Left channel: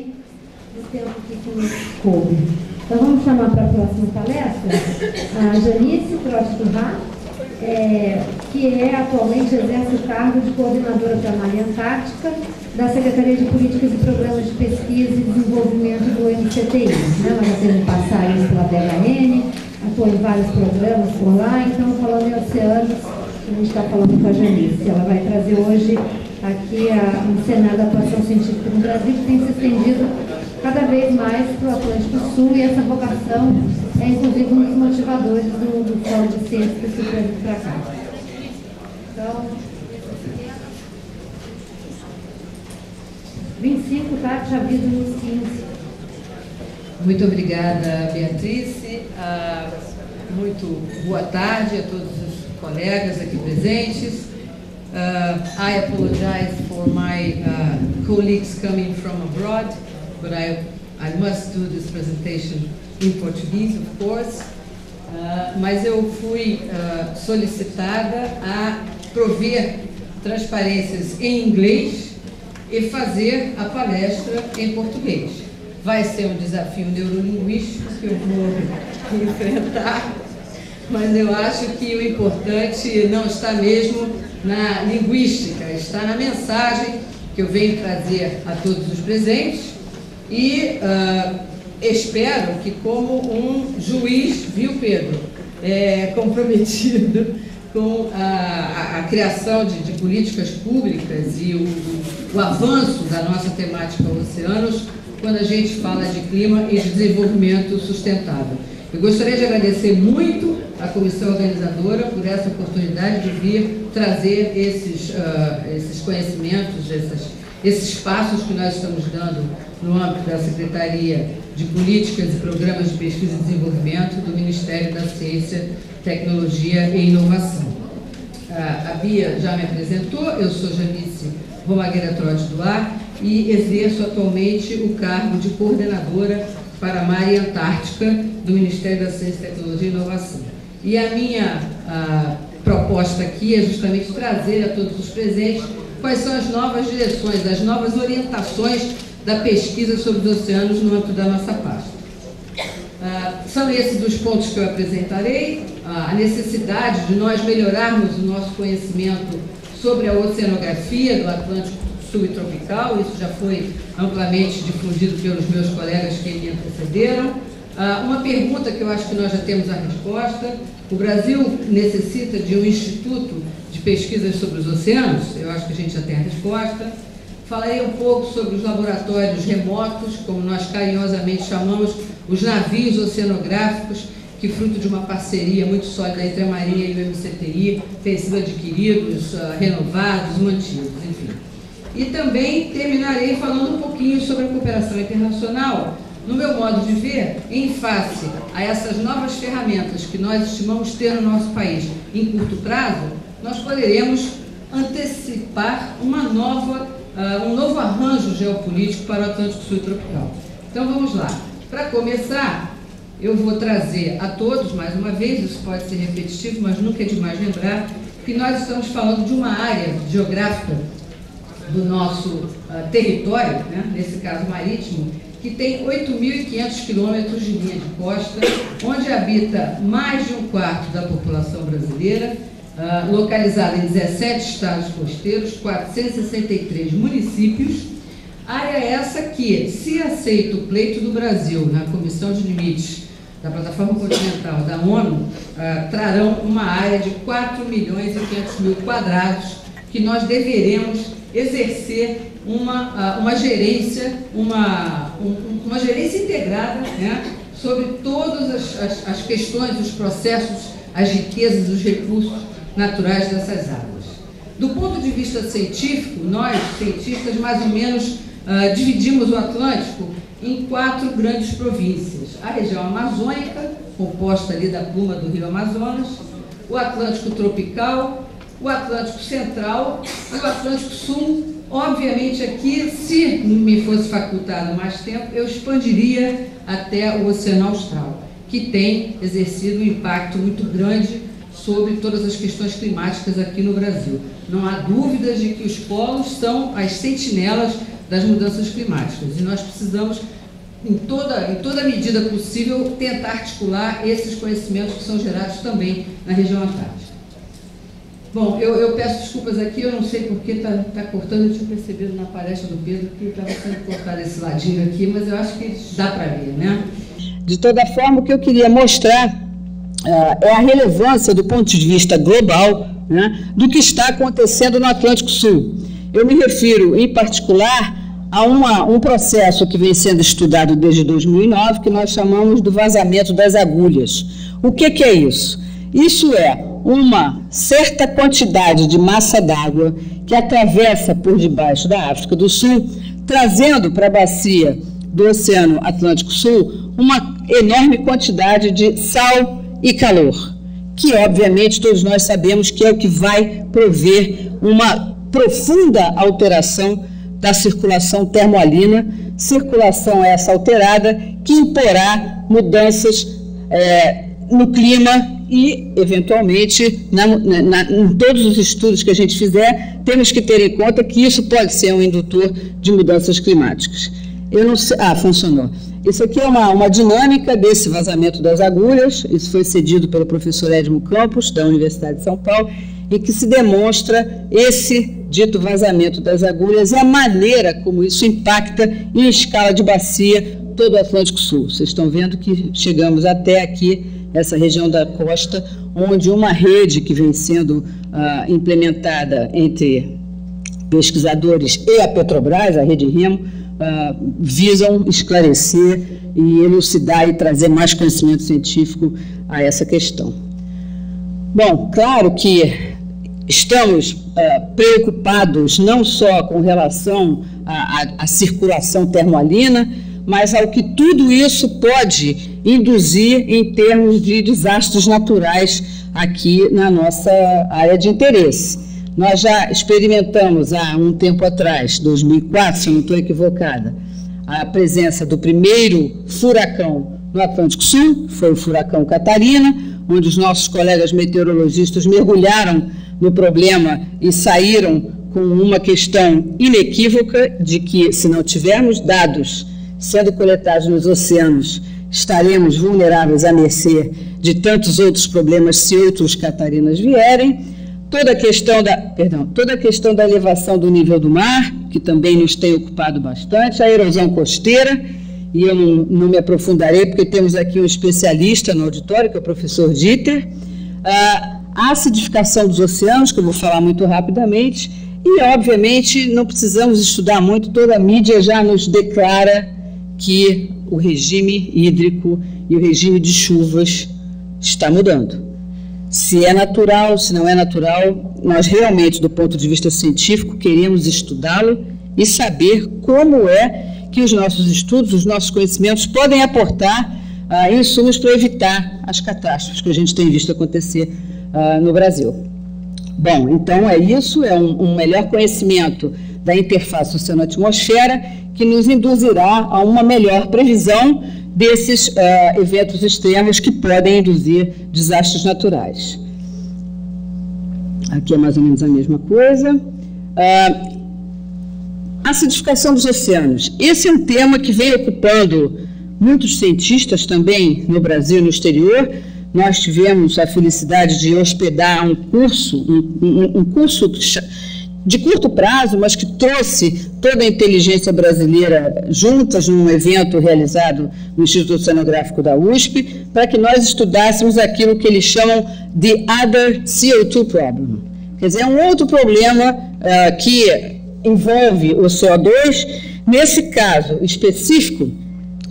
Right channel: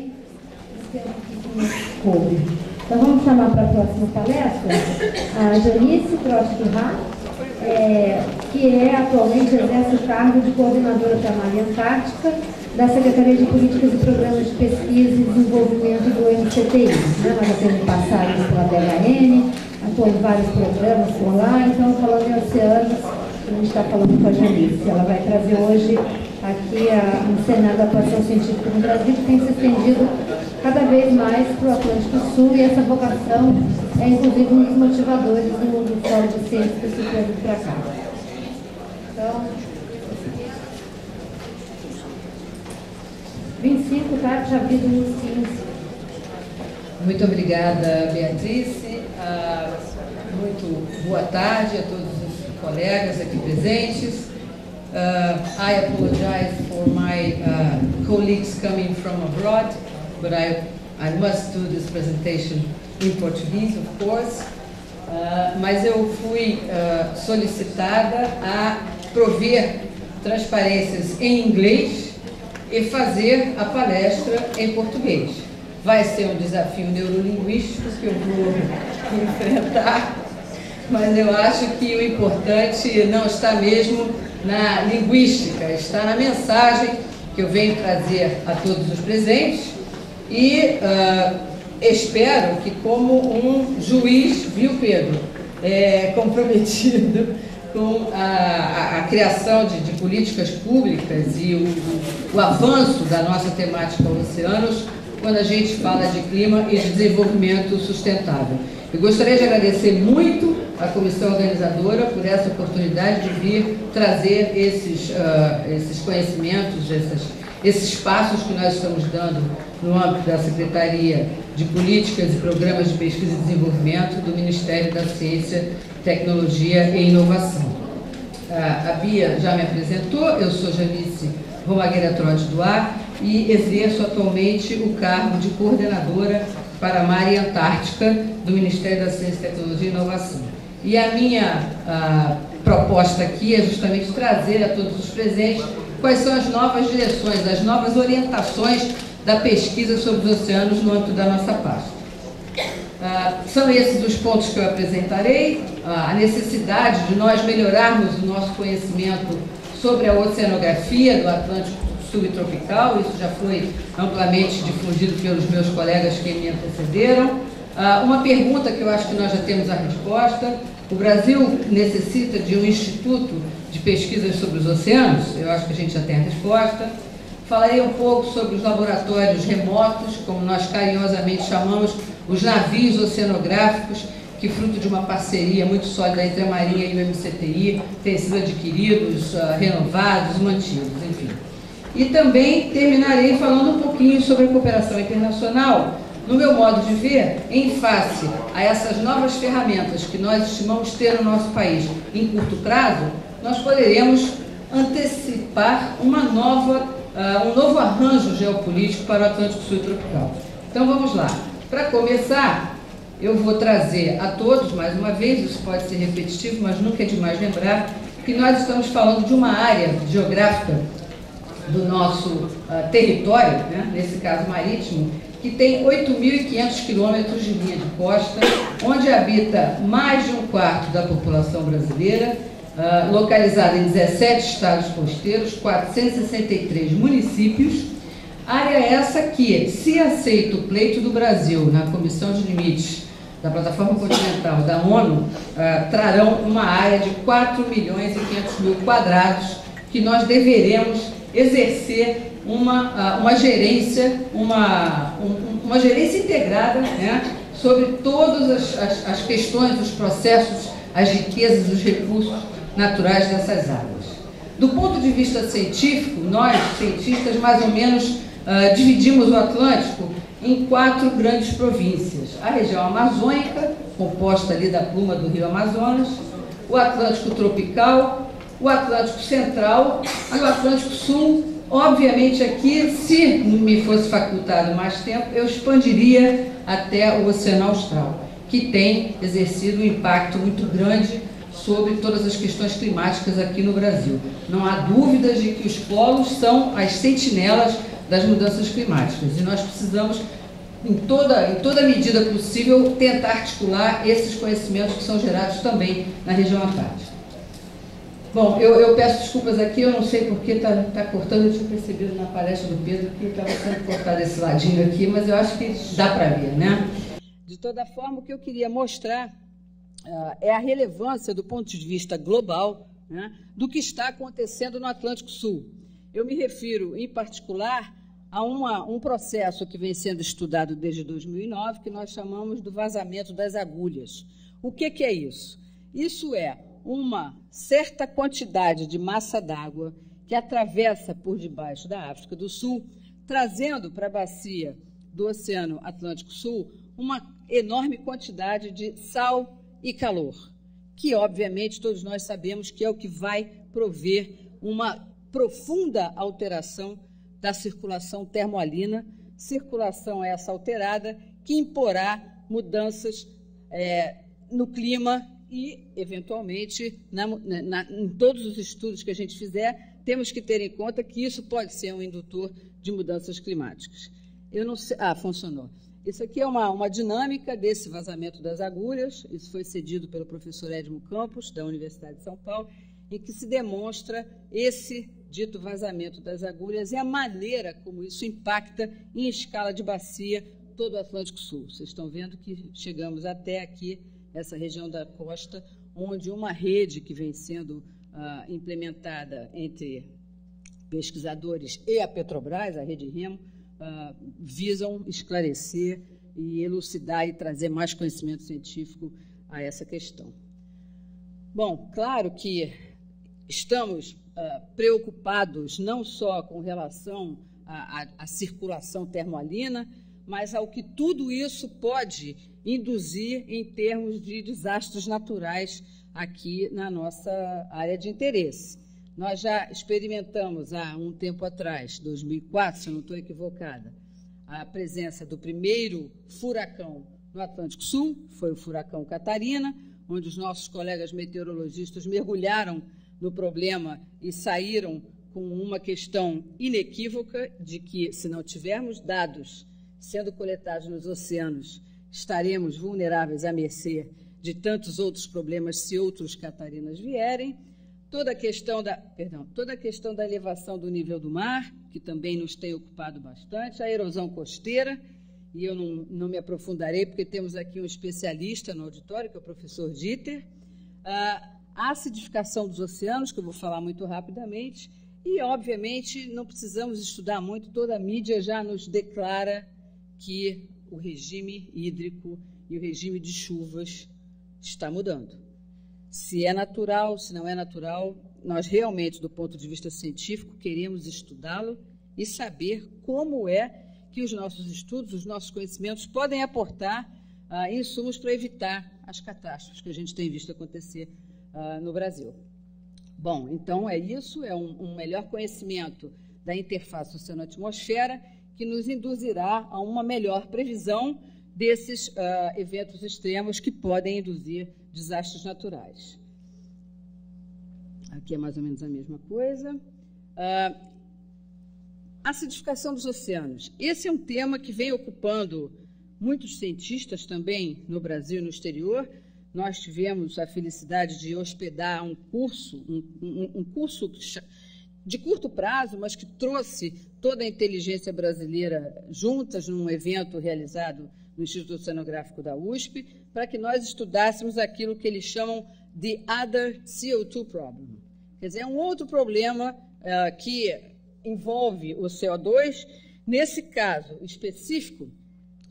também do tempo que nos coube. Então vamos chamar para a próxima palestra a Janice Trotsky-Rá, que atualmente exerce o cargo de coordenadora primária antártica da Secretaria de Políticas e Programas de Pesquisa e Desenvolvimento do MCTI. Ela já teve passagem pela DHN, atuou em vários programas por lá, então falando em oceanos, a gente está falando com a Janice. Ela vai trazer hoje aqui um cenário da atuação científica no Brasil que tem se estendido cada vez mais para o Atlântico Sul, e essa vocação é inclusive um dos motivadores do Fórum de Ciências que se traz para cá. Então, 25, tá? Já vi no 15. Muito obrigada, Beatriz. Muito boa tarde a todos os colegas aqui presentes. I apologize for my colleagues coming from abroad, but I must do this presentation in Portuguese, of course. Mas eu fui solicitada a prover transparências em inglês e fazer a palestra em português. Vai ser um desafio neurolinguístico que eu vou enfrentar, mas eu acho que o importante não está mesmo na linguística, está na mensagem que eu venho trazer a todos os presentes e espero que, como um juiz, viu, Pedro, comprometido com a criação de políticas públicas e o avanço da nossa temática oceanos, quando a gente fala de clima e de desenvolvimento sustentável. Eu gostaria de agradecer muito à comissão organizadora por essa oportunidade de vir trazer esses conhecimentos, esses passos que nós estamos dando no âmbito da Secretaria de Políticas e Programas de Pesquisa e Desenvolvimento do Ministério da Ciência, Tecnologia e Inovação. A Bia já me apresentou, eu sou Janice Romagueira Trotsky-Rá e exerço atualmente o cargo de coordenadora para a Mar e Antártica do Ministério da Ciência, Tecnologia e Inovação. E a minha proposta aqui é justamente trazer a todos os presentes quais são as novas direções, as novas orientações da pesquisa sobre os oceanos no âmbito da nossa pasta. São esses os pontos que eu apresentarei: a necessidade de nós melhorarmos o nosso conhecimento sobre a oceanografia do Atlântico subtropical, isso já foi amplamente difundido pelos meus colegas que me antecederam. Uma pergunta que eu acho que nós já temos a resposta: o Brasil necessita de um instituto de pesquisas sobre os oceanos? Eu acho que a gente já tem a resposta. Falarei um pouco sobre os laboratórios remotos, como nós carinhosamente chamamos, os navios oceanográficos, que, fruto de uma parceria muito sólida entre a Marinha e o MCTI, têm sido adquiridos, renovados, mantidos, enfim. E também terminarei falando um pouquinho sobre a cooperação internacional, no meu modo de ver, em face a essas novas ferramentas que nós estimamos ter no nosso país em curto prazo, nós poderemos antecipar um novo arranjo geopolítico para o Atlântico Sul tropical. Então vamos lá. Para começar, eu vou trazer a todos, mais uma vez, isso pode ser repetitivo, mas nunca é demais lembrar, que nós estamos falando de uma área geográfica do nosso território, né, nesse caso marítimo, que tem 8.500 quilômetros de linha de costa, onde habita mais de um quarto da população brasileira, localizada em 17 estados costeiros, 463 municípios. Área essa que, se aceita o pleito do Brasil na Comissão de Limites da Plataforma Continental da ONU, trarão uma área de 4.500.000 quadrados que nós deveremos exercer uma gerência integrada, né, sobre todas as questões, os processos, as riquezas, os recursos naturais dessas águas. Do ponto de vista científico, nós, cientistas, mais ou menos dividimos o Atlântico em 4 grandes províncias: a região amazônica, composta ali da pluma do rio Amazonas, o Atlântico tropical, o Atlântico central e o Atlântico sul. Obviamente aqui, se me fosse facultado mais tempo, eu expandiria até o Oceano Austral, que tem exercido um impacto muito grande sobre todas as questões climáticas aqui no Brasil. Não há dúvidas de que os polos são as sentinelas das mudanças climáticas. E nós precisamos, em toda medida possível, tentar articular esses conhecimentos que são gerados também na região antártica. Bom, eu peço desculpas aqui, eu não sei porque está cortando, eu tinha percebido na palestra do Pedro que estava sendo cortado esse ladinho aqui, mas eu acho que dá para ver, né? De toda forma, o que eu queria mostrar é a relevância do ponto de vista global, né, do que está acontecendo no Atlântico Sul. Eu me refiro, em particular, a um processo que vem sendo estudado desde 2009, que nós chamamos do vazamento das agulhas. O que é isso? Isso é uma certa quantidade de massa d'água que atravessa por debaixo da África do Sul, trazendo para a bacia do Oceano Atlântico Sul uma enorme quantidade de sal e calor, que obviamente todos nós sabemos que é o que vai prover uma profunda alteração da circulação termoalina, circulação essa alterada que imporá mudanças no clima e, eventualmente, em todos os estudos que a gente fizer, temos que ter em conta que isso pode ser um indutor de mudanças climáticas. Eu não sei... Ah, funcionou. Isso aqui é uma dinâmica desse vazamento das agulhas, isso foi cedido pelo professor Edmo Campos, da Universidade de São Paulo, e que se demonstra esse dito vazamento das agulhas e a maneira como isso impacta em escala de bacia todo o Atlântico Sul. Vocês estão vendo que chegamos até aqui, essa região da costa, onde uma rede que vem sendo implementada entre pesquisadores e a Petrobras, a Rede Remo, visam esclarecer e elucidar e trazer mais conhecimento científico a essa questão. Bom, claro que estamos preocupados não só com relação à circulação termoalina, mas ao que tudo isso pode induzir em termos de desastres naturais aqui na nossa área de interesse. Nós já experimentamos há um tempo atrás, 2004, se eu não estou equivocada, a presença do primeiro furacão no Atlântico Sul, foi o furacão Catarina, onde os nossos colegas meteorologistas mergulharam no problema e saíram com uma questão inequívoca de que, se não tivermos dados sendo coletados nos oceanos, estaremos vulneráveis à mercê de tantos outros problemas se outros Catarinas vierem. Toda a questão da elevação do nível do mar, que também nos tem ocupado bastante, a erosão costeira, e eu não me aprofundarei, porque temos aqui um especialista no auditório, que é o professor Dieter, a acidificação dos oceanos, que eu vou falar muito rapidamente, e, obviamente, não precisamos estudar muito, toda a mídia já nos declara que o regime hídrico e o regime de chuvas está mudando. Se é natural, se não é natural, nós realmente, do ponto de vista científico, queremos estudá-lo e saber como é que os nossos estudos, os nossos conhecimentos podem aportar insumos para evitar as catástrofes que a gente tem visto acontecer no Brasil. Bom, então é isso, é um melhor conhecimento da interface oceano-atmosfera que nos induzirá a uma melhor previsão desses eventos extremos que podem induzir desastres naturais. Aqui é mais ou menos a mesma coisa. Acidificação dos oceanos. Esse é um tema que vem ocupando muitos cientistas também no Brasil e no exterior. Nós tivemos a felicidade de hospedar um curso de curto prazo, mas que trouxe toda a inteligência brasileira juntas num evento realizado no Instituto Oceanográfico da USP, para que nós estudássemos aquilo que eles chamam de Other CO2 Problem. Quer dizer, é um outro problema que envolve o CO2, nesse caso específico,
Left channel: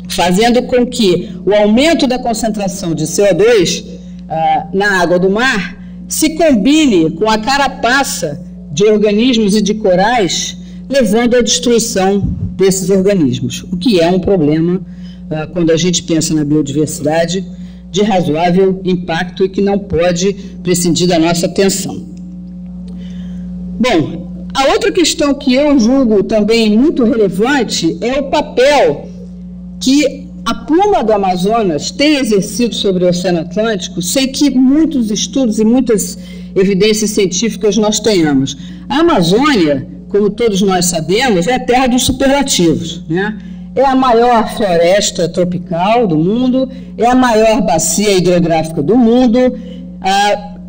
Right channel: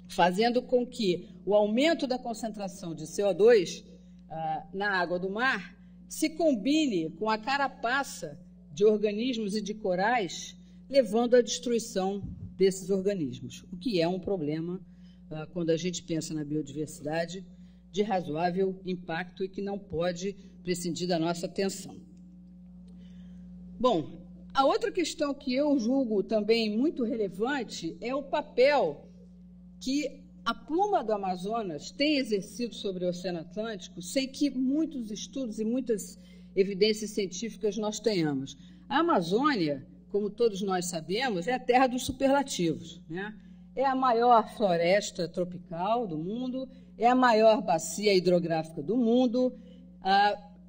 fazendo com que o aumento da concentração de CO2 na água do mar se combine com a carapaça de organismos e de corais, levando à destruição desses organismos, o que é um problema, quando a gente pensa na biodiversidade, de razoável impacto e que não pode prescindir da nossa atenção. Bom, a outra questão que eu julgo também muito relevante é o papel que a pluma do Amazonas tem exercido sobre o Oceano Atlântico, sem que muitos estudos e muitas evidências científicas nós tenhamos. A Amazônia como todos nós sabemos, é a terra dos superlativos, né? É a maior floresta tropical do mundo, é a maior bacia hidrográfica do mundo,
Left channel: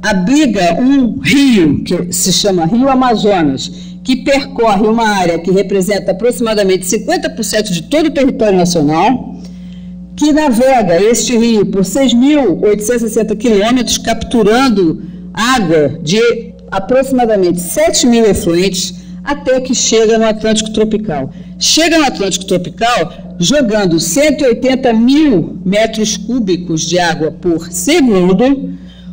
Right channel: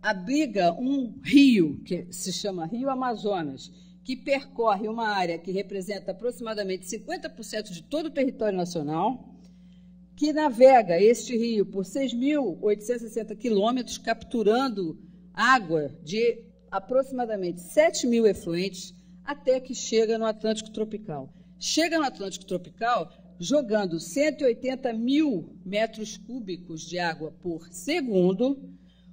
abriga um rio, que se chama Rio Amazonas, que percorre uma área que representa aproximadamente 50% de todo o território nacional, que navega este rio por 6.860 quilômetros, capturando água de aproximadamente 7.000 efluentes, até que chega no Atlântico Tropical. Chega no Atlântico Tropical jogando 180 mil metros cúbicos de água por segundo,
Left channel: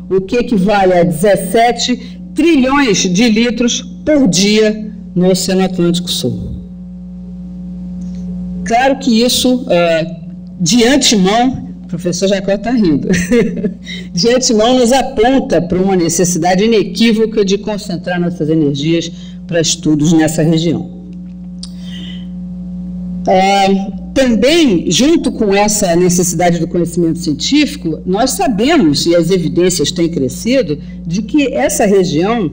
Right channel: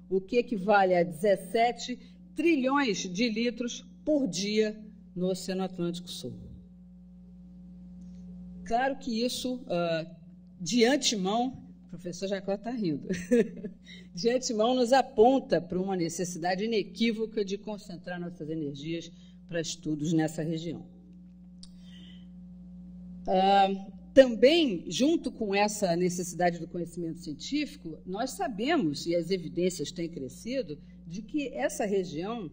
o que equivale a 17 trilhões de litros por dia no Oceano Atlântico Sul. Claro que isso, de antemão, o professor Jacó está rindo, de antemão nos aponta para uma necessidade inequívoca de concentrar nossas energias para estudos nessa região. Também, junto com essa necessidade do conhecimento científico, nós sabemos, e as evidências têm crescido, de que essa região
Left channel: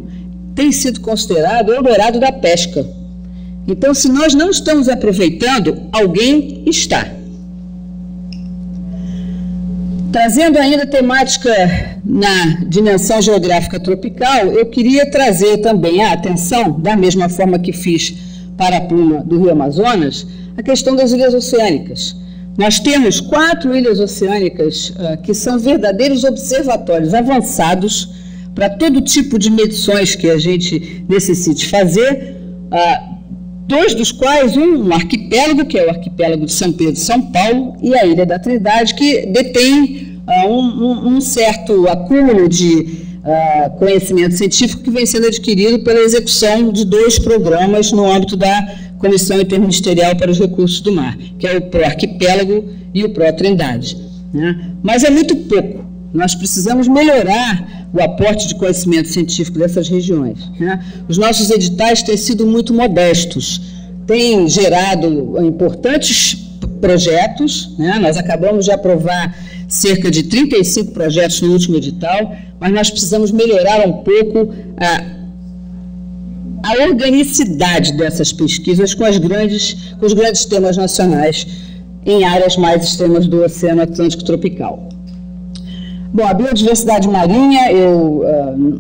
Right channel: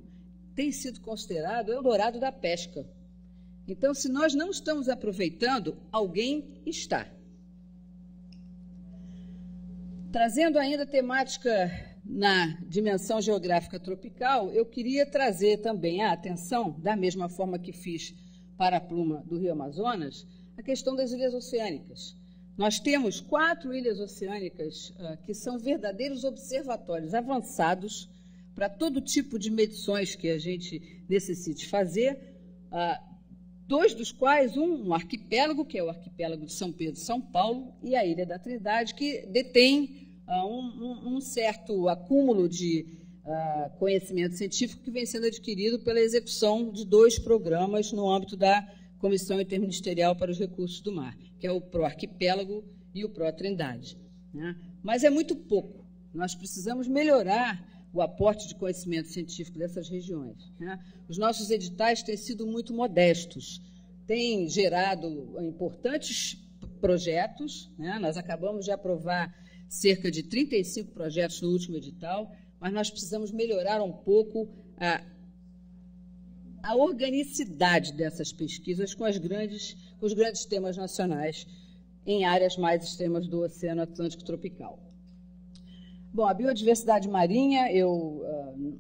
tem sido considerada o Eldorado da pesca. Então, se nós não estamos aproveitando, alguém está. Trazendo ainda temática na dimensão geográfica tropical, eu queria trazer também a atenção, da mesma forma que fiz para a pluma do Rio Amazonas, a questão das ilhas oceânicas. Nós temos 4 ilhas oceânicas que são verdadeiros observatórios avançados para todo tipo de medições que a gente necessite fazer, 2 dos quais, um arquipélago, que é o arquipélago de São Pedro e São Paulo, e a Ilha da Trindade, que detém um certo acúmulo de conhecimento científico que vem sendo adquirido pela execução de 2 programas no âmbito da Comissão Interministerial para os Recursos do Mar, que é o Pro-Arquipélago e o Pro-Trindade, né? Mas é muito pouco. Nós precisamos melhorar o aporte de conhecimento científico dessas regiões, né? Os nossos editais têm sido muito modestos, têm gerado importantes projetos, né? Nós acabamos de aprovar cerca de 35 projetos no último edital, mas nós precisamos melhorar um pouco a organicidade dessas pesquisas com os grandes temas nacionais em áreas mais extremas do Oceano Atlântico Tropical. Bom, a biodiversidade marinha, eu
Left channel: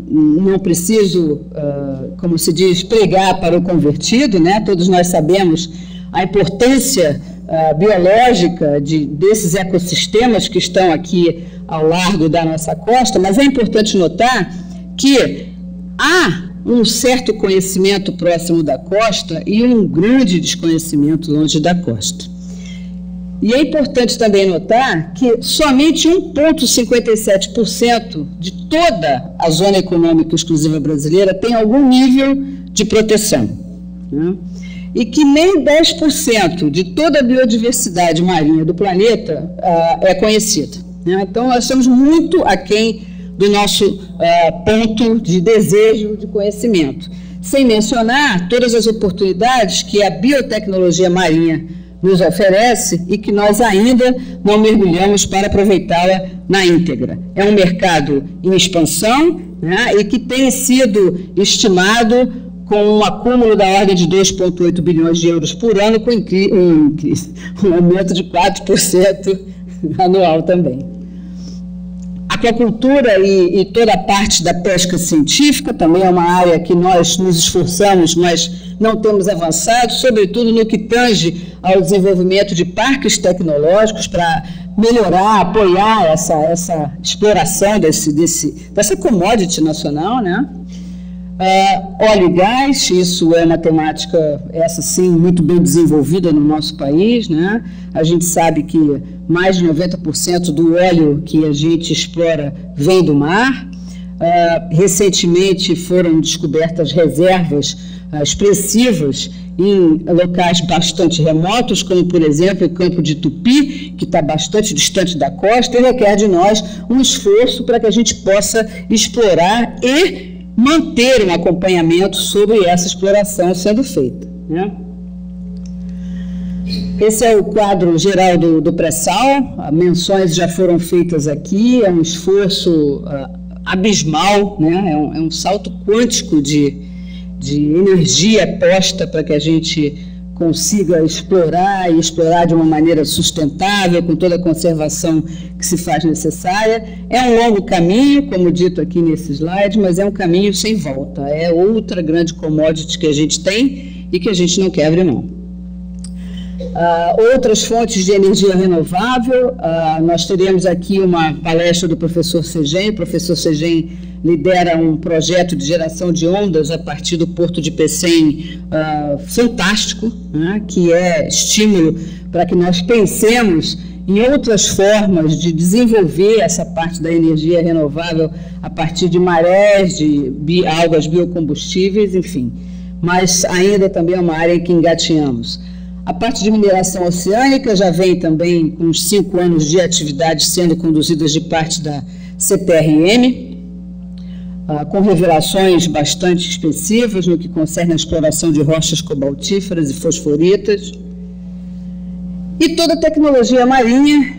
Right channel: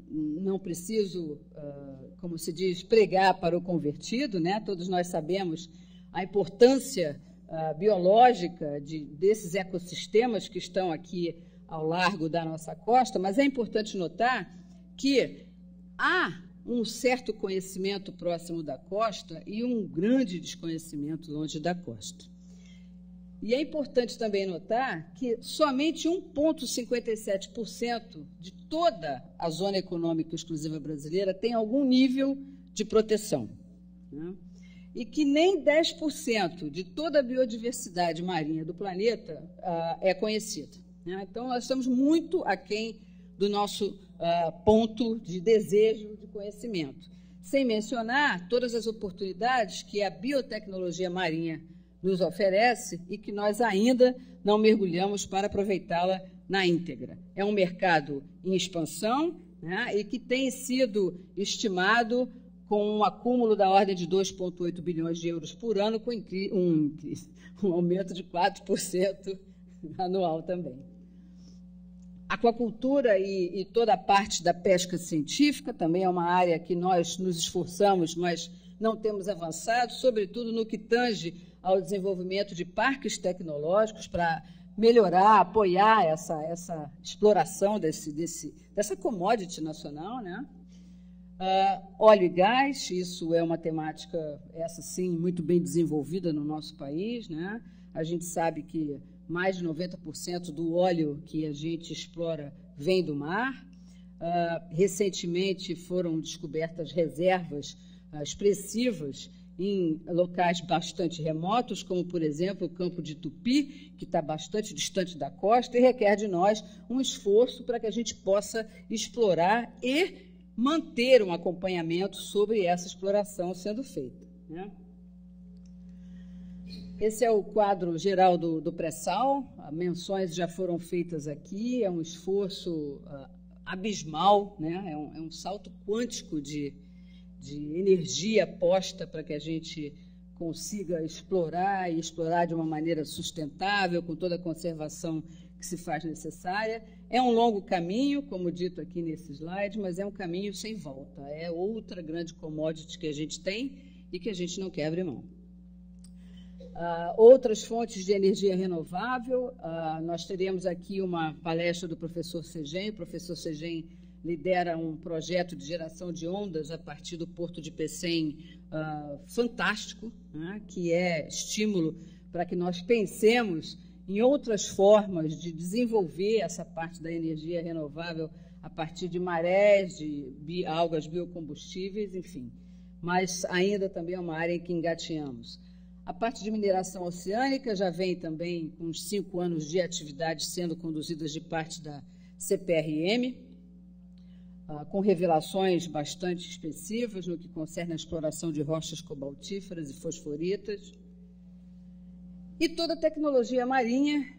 não preciso, como se diz, pregar para o convertido, né? Todos nós sabemos a importância biológica desses ecossistemas que estão aqui ao largo da nossa costa, mas é importante notar que há um certo conhecimento próximo da costa e um grande desconhecimento longe da costa. E é importante também notar que somente 1,57% de toda a zona econômica exclusiva brasileira tem algum nível de proteção, né? E que nem 10% de toda a biodiversidade marinha do planeta é conhecida, né? Então, nós estamos muito aquém do nosso ponto de desejo de conhecimento, sem mencionar todas as oportunidades que a biotecnologia marinha nos oferece e que nós ainda não mergulhamos para aproveitá-la na íntegra. É um mercado em expansão, né, e que tem sido estimado com um acúmulo da ordem de 2,8 bilhões de euros por ano, com um aumento de 4% anual também. A aquacultura e toda a parte da pesca científica também é uma área que nós nos esforçamos, mas não temos avançado, sobretudo no que tange ao desenvolvimento de parques tecnológicos para melhorar, apoiar essa exploração dessa commodity nacional, né? Óleo e gás, isso é uma temática, essa sim, muito bem desenvolvida no nosso país, né? A gente sabe que mais de 90% do óleo que a gente explora vem do mar. Recentemente foram descobertas reservas expressivas em locais bastante remotos, como, por exemplo, o Campo de Tupi, que está bastante distante da costa, e requer de nós um esforço para que a gente possa explorar e manter um acompanhamento sobre essa exploração sendo feita, né? Esse é o quadro geral do pré-sal, menções já foram feitas aqui, é um esforço abismal, né? É um salto quântico de energia posta para que a gente consiga explorar e explorar de uma maneira sustentável, com toda a conservação que se faz necessária. É um longo caminho, como dito aqui nesse slide, mas é um caminho sem volta. É outra grande commodity que a gente tem e que a gente não quer abrir mão. Outras fontes de energia renovável, nós teremos aqui uma palestra do professor Segem. O professor Segem lidera um projeto de geração de ondas a partir do Porto de Pecém fantástico, né, que é estímulo para que nós pensemos em outras formas de desenvolver essa parte da energia renovável a partir de marés, de algas biocombustíveis, enfim. Mas ainda também é uma área em que engatinhamos. A parte de mineração oceânica já vem também com uns 5 anos de atividades sendo conduzidas de parte da CPRM, com revelações bastante expressivas no que concerne a exploração de rochas cobaltíferas e fosforitas. E toda a tecnologia marinha,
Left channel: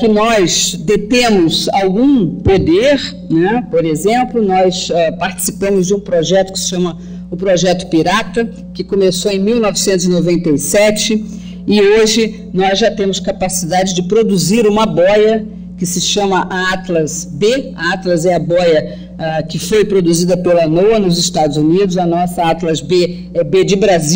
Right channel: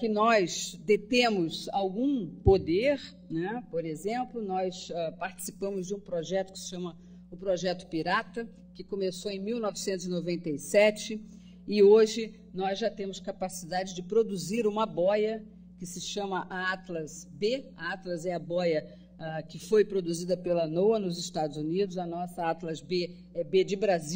que nós detemos algum poder, né? Por exemplo, nós participamos de um projeto que se chama o Projeto Pirata, que começou em 1997, e hoje nós já temos capacidade de produzir uma boia que se chama a Atlas B. A Atlas é a boia que foi produzida pela NOAA nos Estados Unidos, a nossa Atlas B é B de Brasil.